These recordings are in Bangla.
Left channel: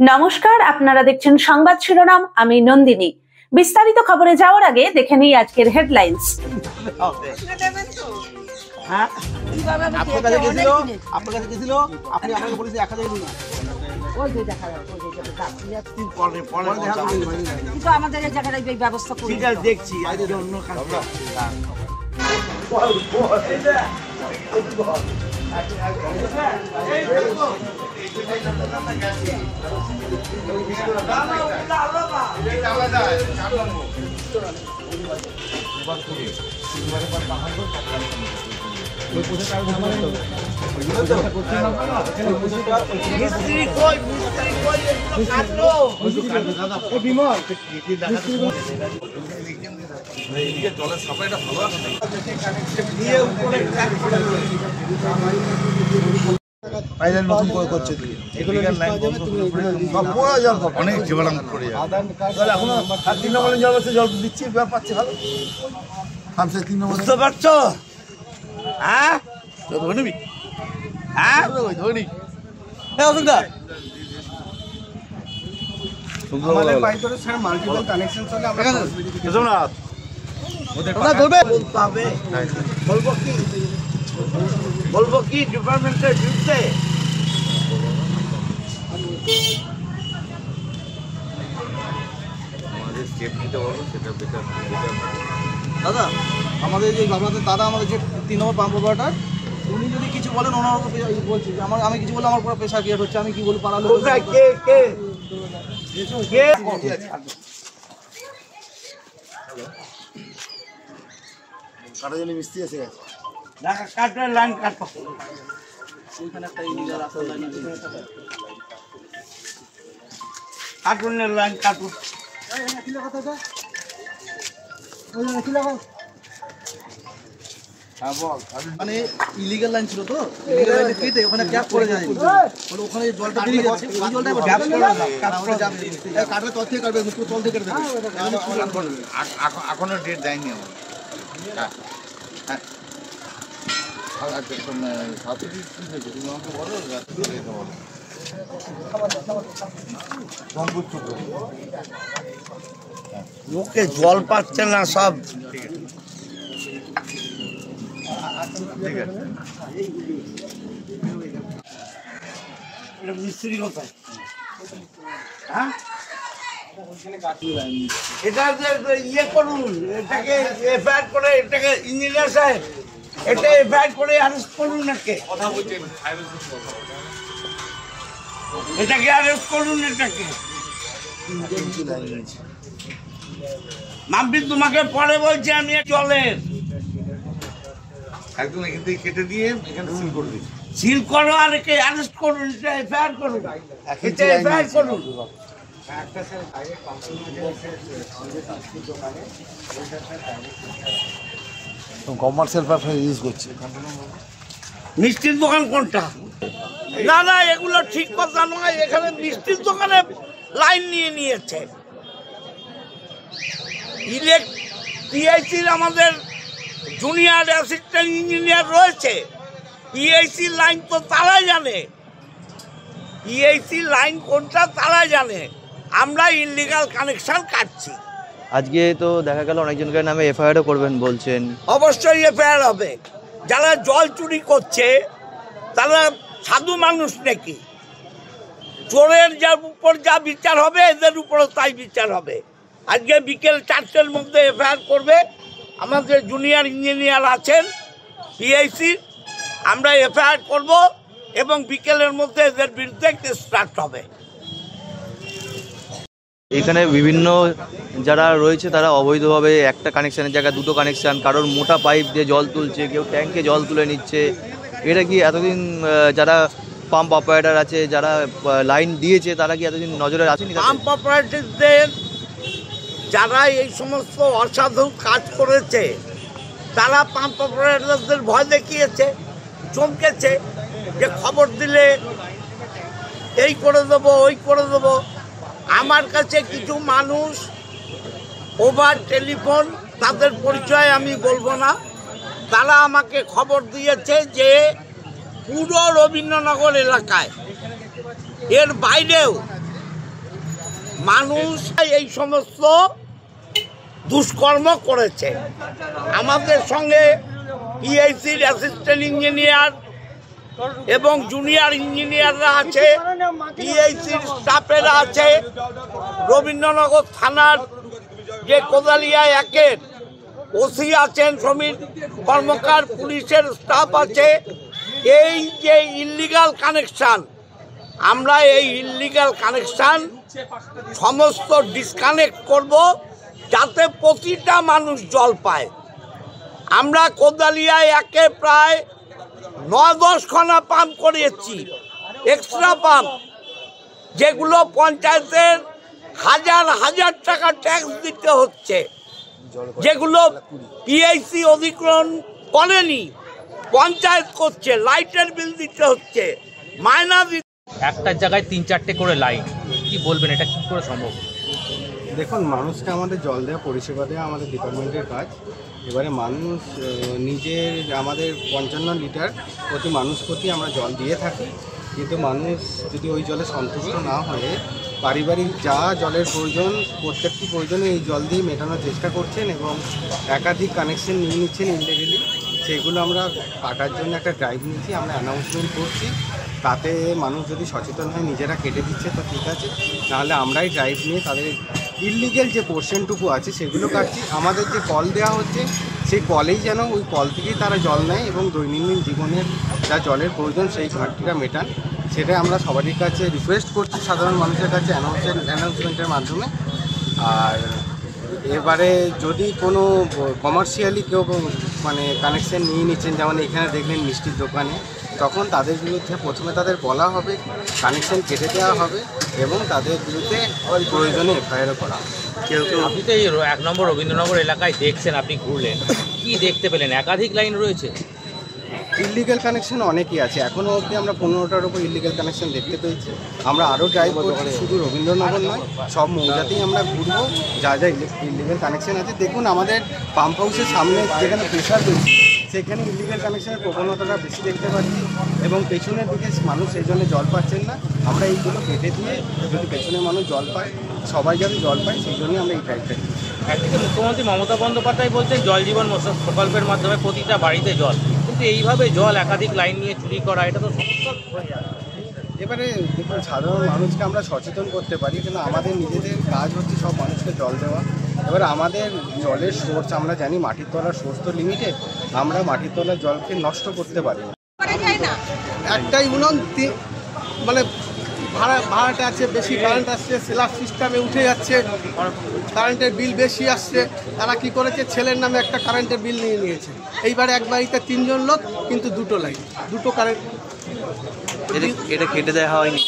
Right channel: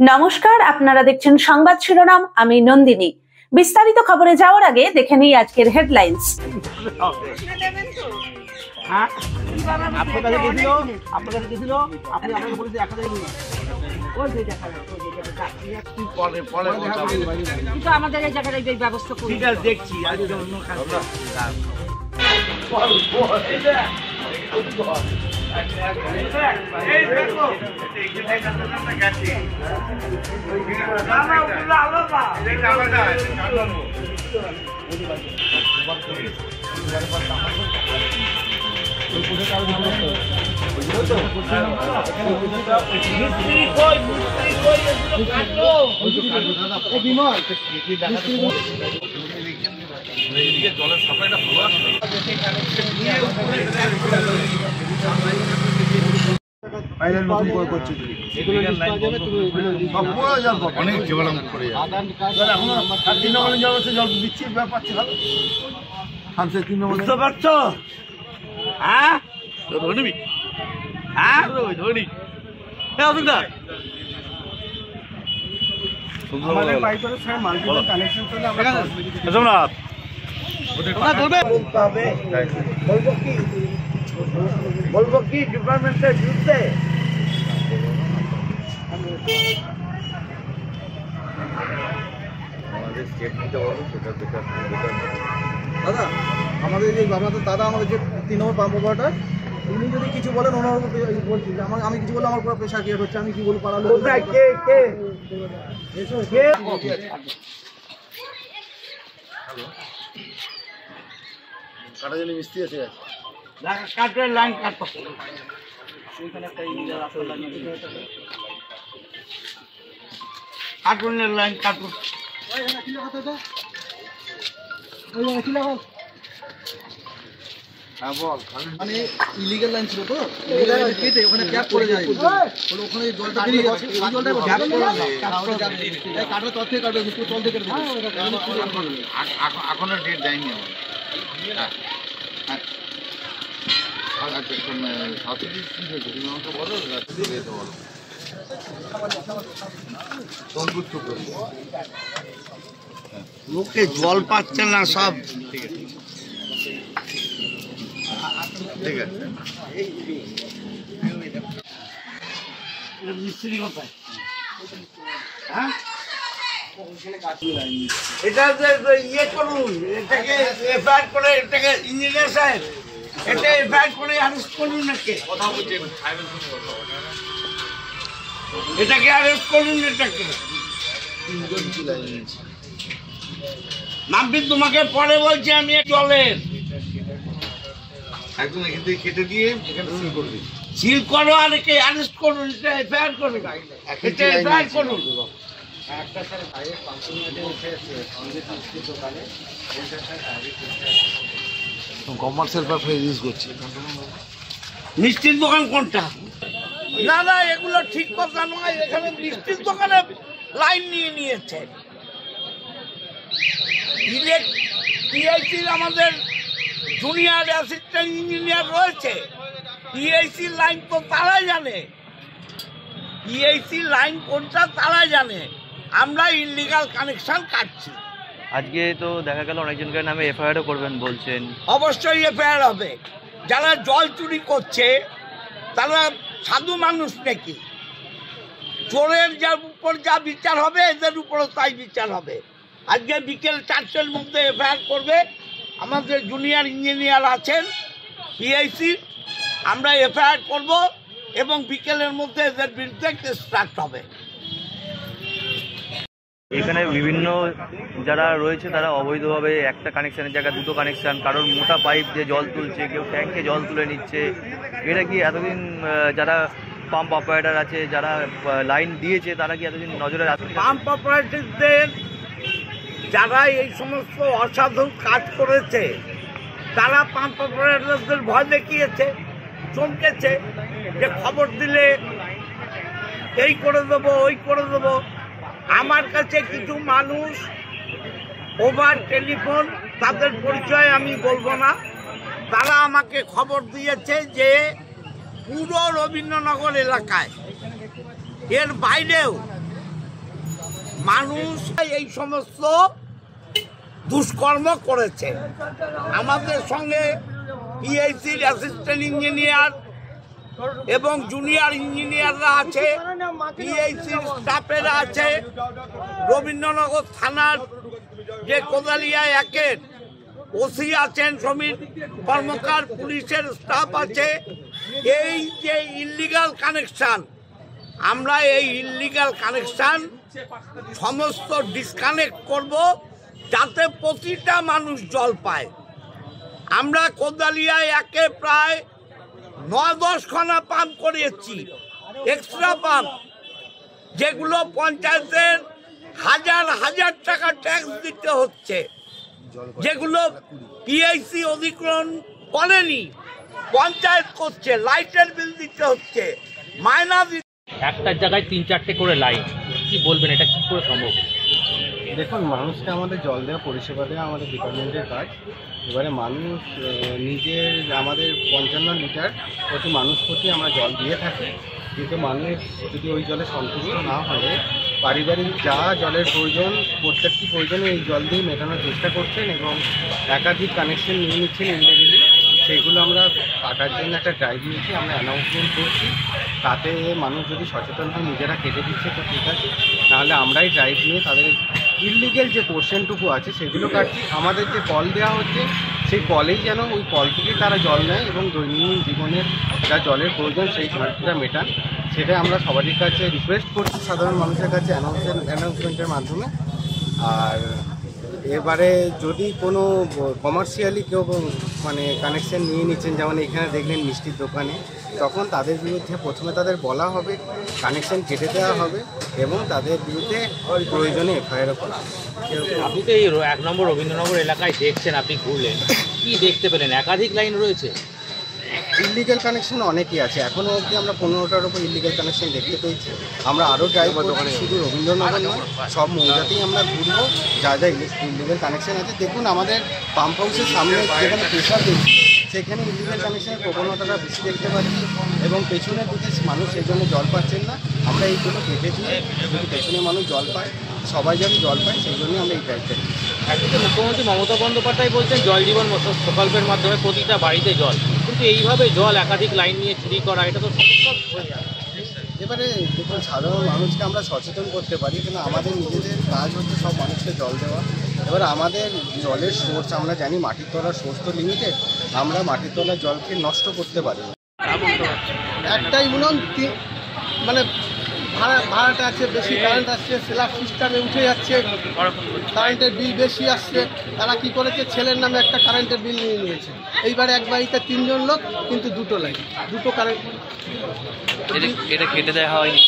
নমস্কার, আপনারা দেখছেন সংবাদ শিরোনাম। আমি নন্দিনী। বিস্তারিত খবরে যাওয়ার আগে দেখে নিই আজকের হেডলাইন্স। আমাদের এই জায়গায় ব্যবস্থা করি দেখছি। জলের সাপ্লাইটা ভালো আসছে। অনেক জীবাণু করে বুঝতে পারছো? হ্যাঁ বলবো কি ডিপার্টমেন্টের বিরুদ্ধে? আমাদের স্টেপ নিতে বলো, সেটা বেটার। দাদা আমাদের যে আপনাদের দাদা আমাদের যে 3 নম্বর পাম্প অপারেটর, উনি যদি কিছু বলেন ওনার বলছি যে আমি কিছু বললে আমার পুরো পেশা ক্রিয়েট হচ্ছে। আমি কি বলবো পাড়ার লোক? কাটা জন্য মিস্ত্রি এসে গেছে। কাটের লাইন কাটো। ওইখানে একটা ইঞ্জিনিয়ার রাস্তার লাইন আছে, কাটুনের লাইন কাটুন। মানে ইলিগাল লাইন ছিল তো, ইলিগাল লাইনে কেটে ওখানে গ্যাপ করে যায়। বলে ওখানে জলটা বেরিয়ে যাচ্ছে, ওই জলটা গ্যাপ করে যাবে। কাটলে তল থেকে কাটবে, পুরো তল থেকে কেটে দেবে। এখনো ডেট দেয়নি আমার। হ্যাঁ সাথী কি হয়েছে তুমি আমাকে বলো। লোকে জল পাচ্ছে না সব। ঠিক আছে মিস্ত্রি কোথায়? হ্যাঁ এটা যে ইয়ে করুন, এটাকে এফআইআর করে, এটাকে ইঞ্জিনিয়ার সাহেব এটা এফআইআর করে অ্যারেস্ট করুন। এটাকে অ্যারেস্ট করুন। এটাকে মাম্পি তোমাকে পরে বলছি আমি জলের একদম এখান থেকে কেটে দিয়ে এখানে সিল করে দিচ্ছি। সিল করো আর একে অ্যারেস্ট করুন। এটা এফআইআর করুন, এটা এফআইআর করুন। কমার্শিয়াল ব্যবসা ইউজ করছে। মিষ্টির দোকান কোনটা? না না, এগুলো ঠিক কথা নয়। এখানে মিষ্টির দোকানে লাইন নিয়ে নিয়েছে। পিআইসির আমাদের জুনিয়র অ্যাসিস্ট্যান্ট ইঞ্জিনিয়ার রয়েছে। পিআইসি লাইন তো তারাই জানে, পিআইসি লাইন কোনটা তারা জানে। আমরা ইললিগাল কানেকশন কাটছি। আজকে তো দেখা গেল অনেকজনকে নামে এফআইআরও করবেন বলছেন। অবশ্যই এফআইআর হবে। যারা জল চুরি করছে তারা সাধু মানুষ নাকি? চোরের উপর যা বিচার হবে এদের উপরও তাই বিচার হবে। আজকে বিকেল 4টের মধ্যে এফআইআর করবে। আমাদের জুনিয়র ইঞ্জিনিয়ার আছেন পিআইসি, আমরা এফআইআর করব এবং বিকেলের মধ্যে এদের বিরুদ্ধে কেস স্টার্ট হবে। এখানে বিভিন্ন যারা রয়েছে তারা অবৈধভাবে একটা কানেকশানের জায়গায় দুটো কানেকশান, কারোর মোটা পাইপ দিয়ে জল তুলছে, কেউ ট্যাঙ্কে জল তুলে নিচ্ছে। এটা কি এতদিন যারা পাম্প অপারেটর আছে, যারা লাইন দিয়েছে, তারা কি এতদিন নজরে আছে? পাম্প অপারেটরদের যারা এই সমস্ত অসাধু কাজ করেছে তারা পাম্প অপারেটরদের ভয় দেখিয়েছে, চমকেছে যে খবর দিলে এই করে দেবো ওই করে দেবো। আমার কাছে কিছু মানুষ ওভার টেলিফোন, তাদের পরিচয় আমি বলবো না, তারা আমাকে খবর দিয়েছে যে পুরো রবীন্দ্রনগর এলাকায়, এর বাইরেও মানুষ এই সমস্ত দুষ্কর্ম করেছে। আমাদের সঙ্গে পিআইসির অ্যাসিস্ট্যান্ট ইঞ্জিনিয়ার এবং জুনিয়র ইঞ্জিনিয়াররা আছে, পিআইসির স্টাফেরা আছে, রবীন্দ্রনগর থানার যে কোদালিয়া একের ওসি আছেন, শ্রমিক কর্মকার, পুলিশের স্টাফ আছে। এই যে ইল্লিগাল কানেকশান, আমরা এই ইল্লিগাল কানেকশান সমস্ত ডিসকানেক্ট করব, যাতে প্রতিটা মানুষ জল পায়। আমরা কোদালিয়ায় একে প্রায় 9-10 খানা পাম্প করিয়েছি, এক্সট্রা পাম্প, যেগুলো পঞ্চায়েতের হাজার হাজার টাকা ট্যাক্স দিতে হচ্ছে, যেগুলো পিআইসি অধিগ্রহণ করেনি, পঞ্চায়েত করছে, লাইটের বিল দিতে হচ্ছে, মাইনা দিতে। একটা জায়গায় 3-4টে করে লাইন, কি বলবেন এটা কি করে সম্ভব? দেখুন, মানুষকে আমাদের জল দেওয়া, পরিষেবা দেওয়া আমাদের ডিপার্টমেন্টের কাজ। এবারে মানুষ নিজের আমাদের 55 লিটার প্রতি মানুষ প্রতি আমরা জল দিয়ে থাকি, কিন্তু মানুষ যদি ওই জলে সন্তুষ্ট না হলে পারিবারিক যা জলের প্রয়োজন, প্রত্যেকটি প্রয়োজনে এই জল দিয়ে মেটানোর চেষ্টা করছেন এবং একাধিক কানেকশন নিয়ে নিচ্ছেন ইনডিভিজুয়ালি। সেগুলো আমরা কাটার জন্য একটা ড্রাইভ নিয়েছি, আমরা অ্যানাউন্সমেন্ট করছি। তাতে মানুষ যদি সচেতন হয় নিজেরা কেটে দিচ্ছে তো ঠিক আছে, নাহলে আমরাই ড্রাইভ নিয়ে তাদের ইললিগেল যে পোর্শনটুকু আছে সেগুলো কাটছি। আমাদের যে কল দেওয়া হচ্ছে সেই কলেই যেন ওই কল থেকেই তারা জল নেয় এবং দৈনন্দিন জীবনের যা জলের প্রয়োজন সেই ঘাটতিটা মেটান, সেটা আমরা সবারই কাছে রিকোয়েস্ট করছি, সাধারণ মানুষের কাছে অ্যানাউন্সমেন্টের মাধ্যমে। আর এবারে যদি কোনো কমার্শিয়ালি কেউ মানে কানেকশন নিয়ে নিচ্ছেন, যেমন এখানে দেখলেন মিষ্টির দোকানে, তখন তাদের বিরুদ্ধে প্রথমে তাদের বলা হবে, কানেকশন কেটে দেওয়া হবে এবং তাদের বিরুদ্ধে প্রয়োজনে এফআইআরও করা হবে। আপনি তো এই 1 নম্বর রবীন্দ্রনগর এলাকায় দেখছেন, আপনি ঘুরলেন, কি দেখতে পেলেন? একাধিক লাইন রয়েছে, ইলিগাল কানেকশন অনেকই আছে। এখনও অবধি আমরা 15টার উপর ইলিগাল কানেকশন দেখতে পেয়েছি। আমরা আরও ড্রাইভ করছি, শুধু রবীন্দ্রনগর নয়, সব মৌজাতেই আমরা ঘুরবো যা যা ইলিগাল কানেকশন আছে। দেখুন, আমাদের পাম্প হাউসের সামনে যেখানে প্রেশার দিচ্ছি সেখানে ইলিগাল কানেকশনের প্রবণতাটা বেশি দেখতে পাচ্ছি এবং পেছনের দিকে মানুষ সেই জন্য জল পাচ্ছেন না। আমরা এইগুলো কেটে দিয়ে যদি পেছনে মানুষ জল পায়, সবাই যাতে জল পায়, সেই জন্যই আমরা এই ড্রাইভটা দিচ্ছি। একদিকে মুখ্যমন্ত্রী মমতা বন্দ্যোপাধ্যায় বলছেন জল জীবন প্রকল্পের মাধ্যমে প্রতিটা বাড়িতে জল, কিন্তু এইভাবে জল একাধিক লাইন নিয়ে চুরি করা, এটা তো সমস্যা হয়ে যায়। এবারে দেখুন, সাধারণ মানুষকে আমরা সচেতন করতে পারি, কিন্তু আমাদের নিজেদের কাজ হচ্ছে সব মানুষকে জল দেওয়া। এবার আমাদের জলের সোর্স আমরা জানি, মাটির তলার সোর্স তো লিমিটেড, আমরা মাটির তলার জলকে নষ্ট করতে পারি না। একটাই উনুন, মানে ভাড়াটা আছে বেশি, কারেন্ট আসছে, স্ল্যাব সিস্টেমে উঠে যাচ্ছে, কারেন্টের বিল বেশি আসছে। তারা কি করেছে, ছেলের নামে একটা কারেন্টের বিল নিয়ে নিয়েছে। এইবারে এক বাড়িতে 3 জন লোক, কিন্তু 2টো লাইন, 2টো কারেন্ট। এটা কেটে দেওয়া হয়নি,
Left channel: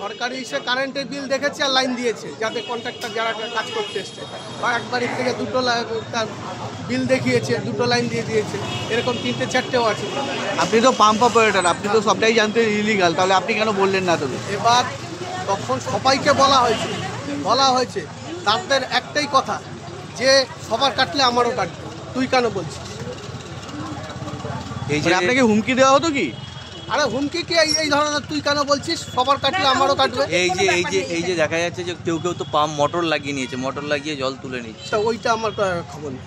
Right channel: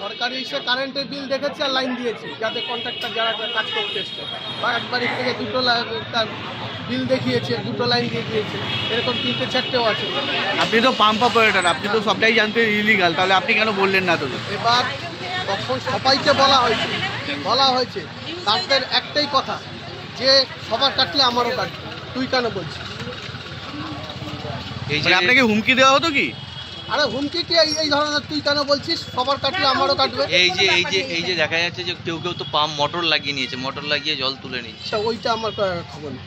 সরকারি হিসেবে কারেন্টের বিল দেখেছে আর লাইন দিয়েছে, যাতে কন্ট্রাক্টর যারা কাজ করতে এসছে, বা এক বাড়ি থেকে 2টো বিল দেখিয়েছে, 2টো লাইন দিয়ে দিয়েছে, এরকম 3-4টেও আছে। আপনি তো পাম্প অপারেটর, আপনি তো সবটাই জানতেন ইলিগাল, তাহলে আপনি কেন বললেন না? তো এবার তখন সবাইকে বলা হয়েছে, তাদের একটাই কথা যে সবার কাটলে আমারও কাটবে, তুই কেন বলছিস? আপনাকে হুমকি দেওয়া হতো কি? আরে হুমকি কি এই ধরনের, তুই কেন বলছিস সবার কাটলে আমারও কাটবে? এই যে দেখা যাচ্ছে যে কেউ তো পাম্প মোটর লাগিয়ে নিয়েছে, মোটর লাগিয়ে জল তুলে নিচ্ছে, ওইটা আমার খবর নেই।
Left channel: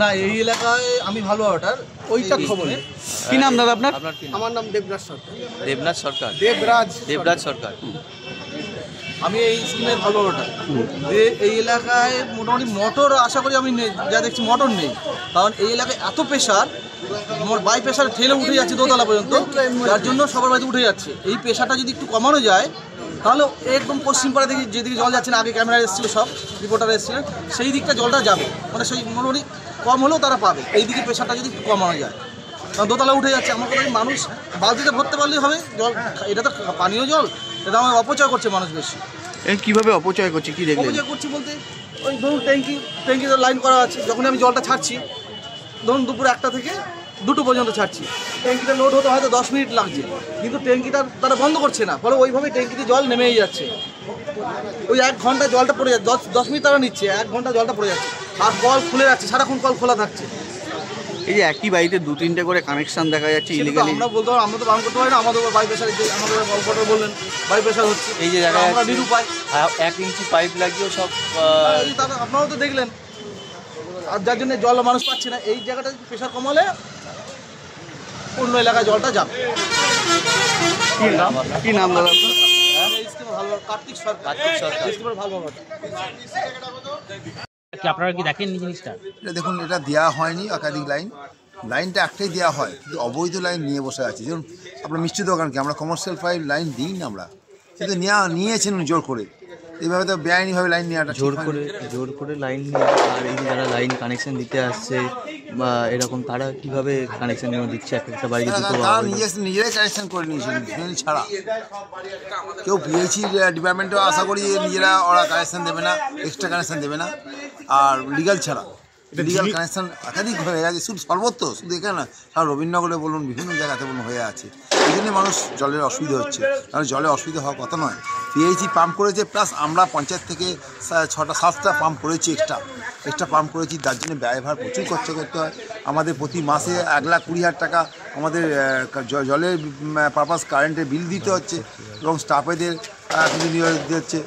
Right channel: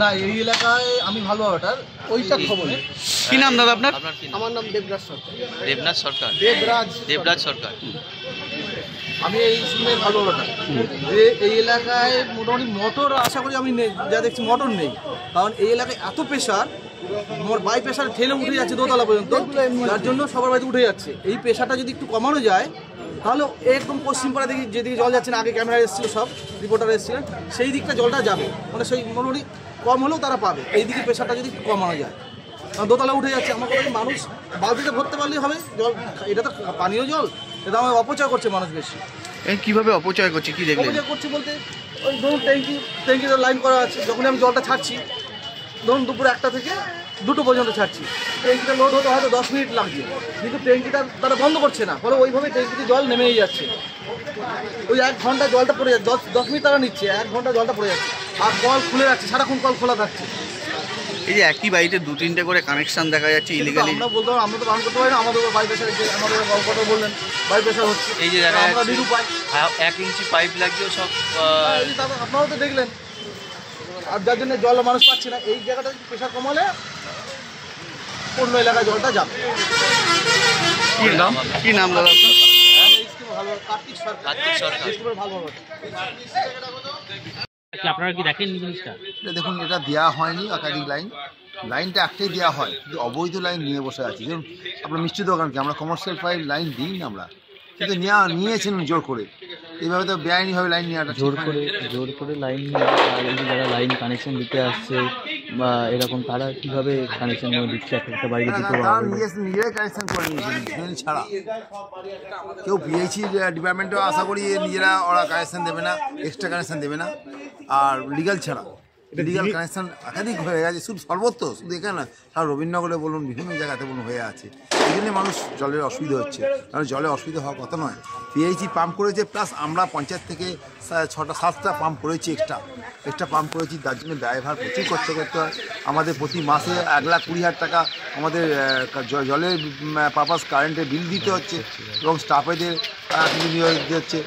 না, এই এলাকায় আমি ভালো ওটার, ওইটা খবর নেই। কি নাম দাদা আপনার? আমার নাম দেবরাজ সরকার। দেবরাজ সরকার। আমি এই স্কিমের ভালো ওটার। এই এলাকায় মোটামুটি মোটর আশা করি আমি যা দেখছি মোটর নেই, কারণ এই এলাকায় এত প্রেশার, বাই প্রেশার ঠেলে উঠে যাচ্ছে দোতলা পর্যন্ত, যার জন্য সবার বাড়িতে উঠে যাচ্ছে। এই প্রেশারটা যদি একটু কমানো যায়, তাহলে একদম পশ্চিমপাড়া দিকে যেদিকে জল যাচ্ছে না, আগে ক্যামেরা এসেছিলো, সব রিপোর্টার এসেছিলেন, সেই দিকটা জলটা যাবে, মানে সেই মোটামুটি কম হলেও তারা পাবে। এই দিকে প্রেশারটা যদি একটু কমানো যায়, কারণ দোতলা উঠে যাচ্ছে। আমার কথা, মানুষ বালতিতে ভরতে পারলেই হবে জল, এটা তো পানীয় জল, এটা আমার অপচয় করছে মানুষ বেশি। কিভাবে অপচয় করছে, কি দেখলেন? অপচয় করছি বলতে, ওই ধরুন ট্যাঙ্কিতে লাইন করা আছে, যখন আমি জলটা ছাড়ছি, ধরুন দুপুর 1টা থেকে 2টো পর্যন্ত ছাড়ছি, ট্যাঙ্কিটা লোড হতে হয়তো 10 মিনিট লাগছে, কিন্তু ট্যাঙ্কিটা তারা বন্ধ করছে না, ফলে ওইভাবে ট্যাঙ্কিতে জল নেমেই যাচ্ছে। ওই 1 ঘন্টা জলটা পড়ে যাচ্ছে, 10 মিনিট তারা নিচ্ছে, 1 ঘন্টা জলটা পড়ে যাচ্ছে, আর কল খুলে যাচ্ছে, সারাক্ষণ কল খোলা থাকছে। এই যে একই বাড়িতে 2-3টে করে কানেকশন দেখা যাচ্ছে ইলিগালি, আমরা বলতে পারি, আমরা তো বারণ করতে পারি না, আমাদের বাই প্রেশার, যে আমাদের গল্পটা বললেন বাই প্রেশার হচ্ছে, এই যে দেখা আমরা যাচ্ছে নিরুপায়। 1 ইঞ্চি পাইপ লাগিয়েও সব এই যে তারপর আপনারাও তো দেখলেন, আর যার জন্য জল মানুষ পাচ্ছে না, এই জায়গাটা প্রেশার কমালে অন্য এলাকায় জলটা যাবে। কি নাম দাদা আপনার? এই স্কিমে ভালো কার্তিক সরকার, এই স্কিমের ভালো কি আপনারা কি দেখেন জিনিসটা? এটা দেখুন, এটা দেওয়া হয়নি একাধিক লাইনটা একটাই দেওয়া হয়, কিন্তু অবৈধ লাইন নিয়ে বসে আছে। যেমন আপনার মিষ্টি দোকানকে আমরা কমার্শিয়াল পাইপ লাইন দিই না আমরা, কিন্তু নিয়েছেন জোর করে। এইভাবে তো বেআইনিভাবে লাইন নেওয়াটা জোর করে লাইন নিয়ে, আর এই যে যারা লাইন কানেকশন দিতে আসছে বা এরকম, তারা কিভাবে কানেকশনগুলো দিচ্ছে একটা বাড়িতে দিতে? তারা নিজেরাই কানেকশন করে নিয়েছেন ছাড়া। কেউ পিএইচি ডিপার্টমেন্টেও আশা করি ওরা কানেকশন দেবে না, এক্সট্রা কানেকশন দেবে না। আর লিগাল ছাড়া লিগাল কানেকশন একাধিক হয়ে গেছে, শুধু সর্বত্র, শুধু এখানে না, সারা রবীন্দ্রনগরে বলুন, বিভিন্ন জায়গাতে বলুন হয়ে আছে। এই জন্যে মানুষ জলের অসুবিধা হচ্ছে, কারণ জলের অসুবিধা হওয়ার কথা নয়। পিএইচি পাম্প করেছে, প্লাস আমরা পঞ্চায়েত থেকে 6টা-7টা পাম্প করেছি, এক্সট্রা পাম্প করেছি। তার জন্য ব্যয়ভার প্রচুর খরচ করতে হয় আমাদের। প্রতি মাসে 1,20,000 টাকা আমাদের জলের পারপাস কারেন্টের বিল দিতে হচ্ছে, এবং স্টাফেদের কিছু নিয়োগ দিতে হচ্ছে।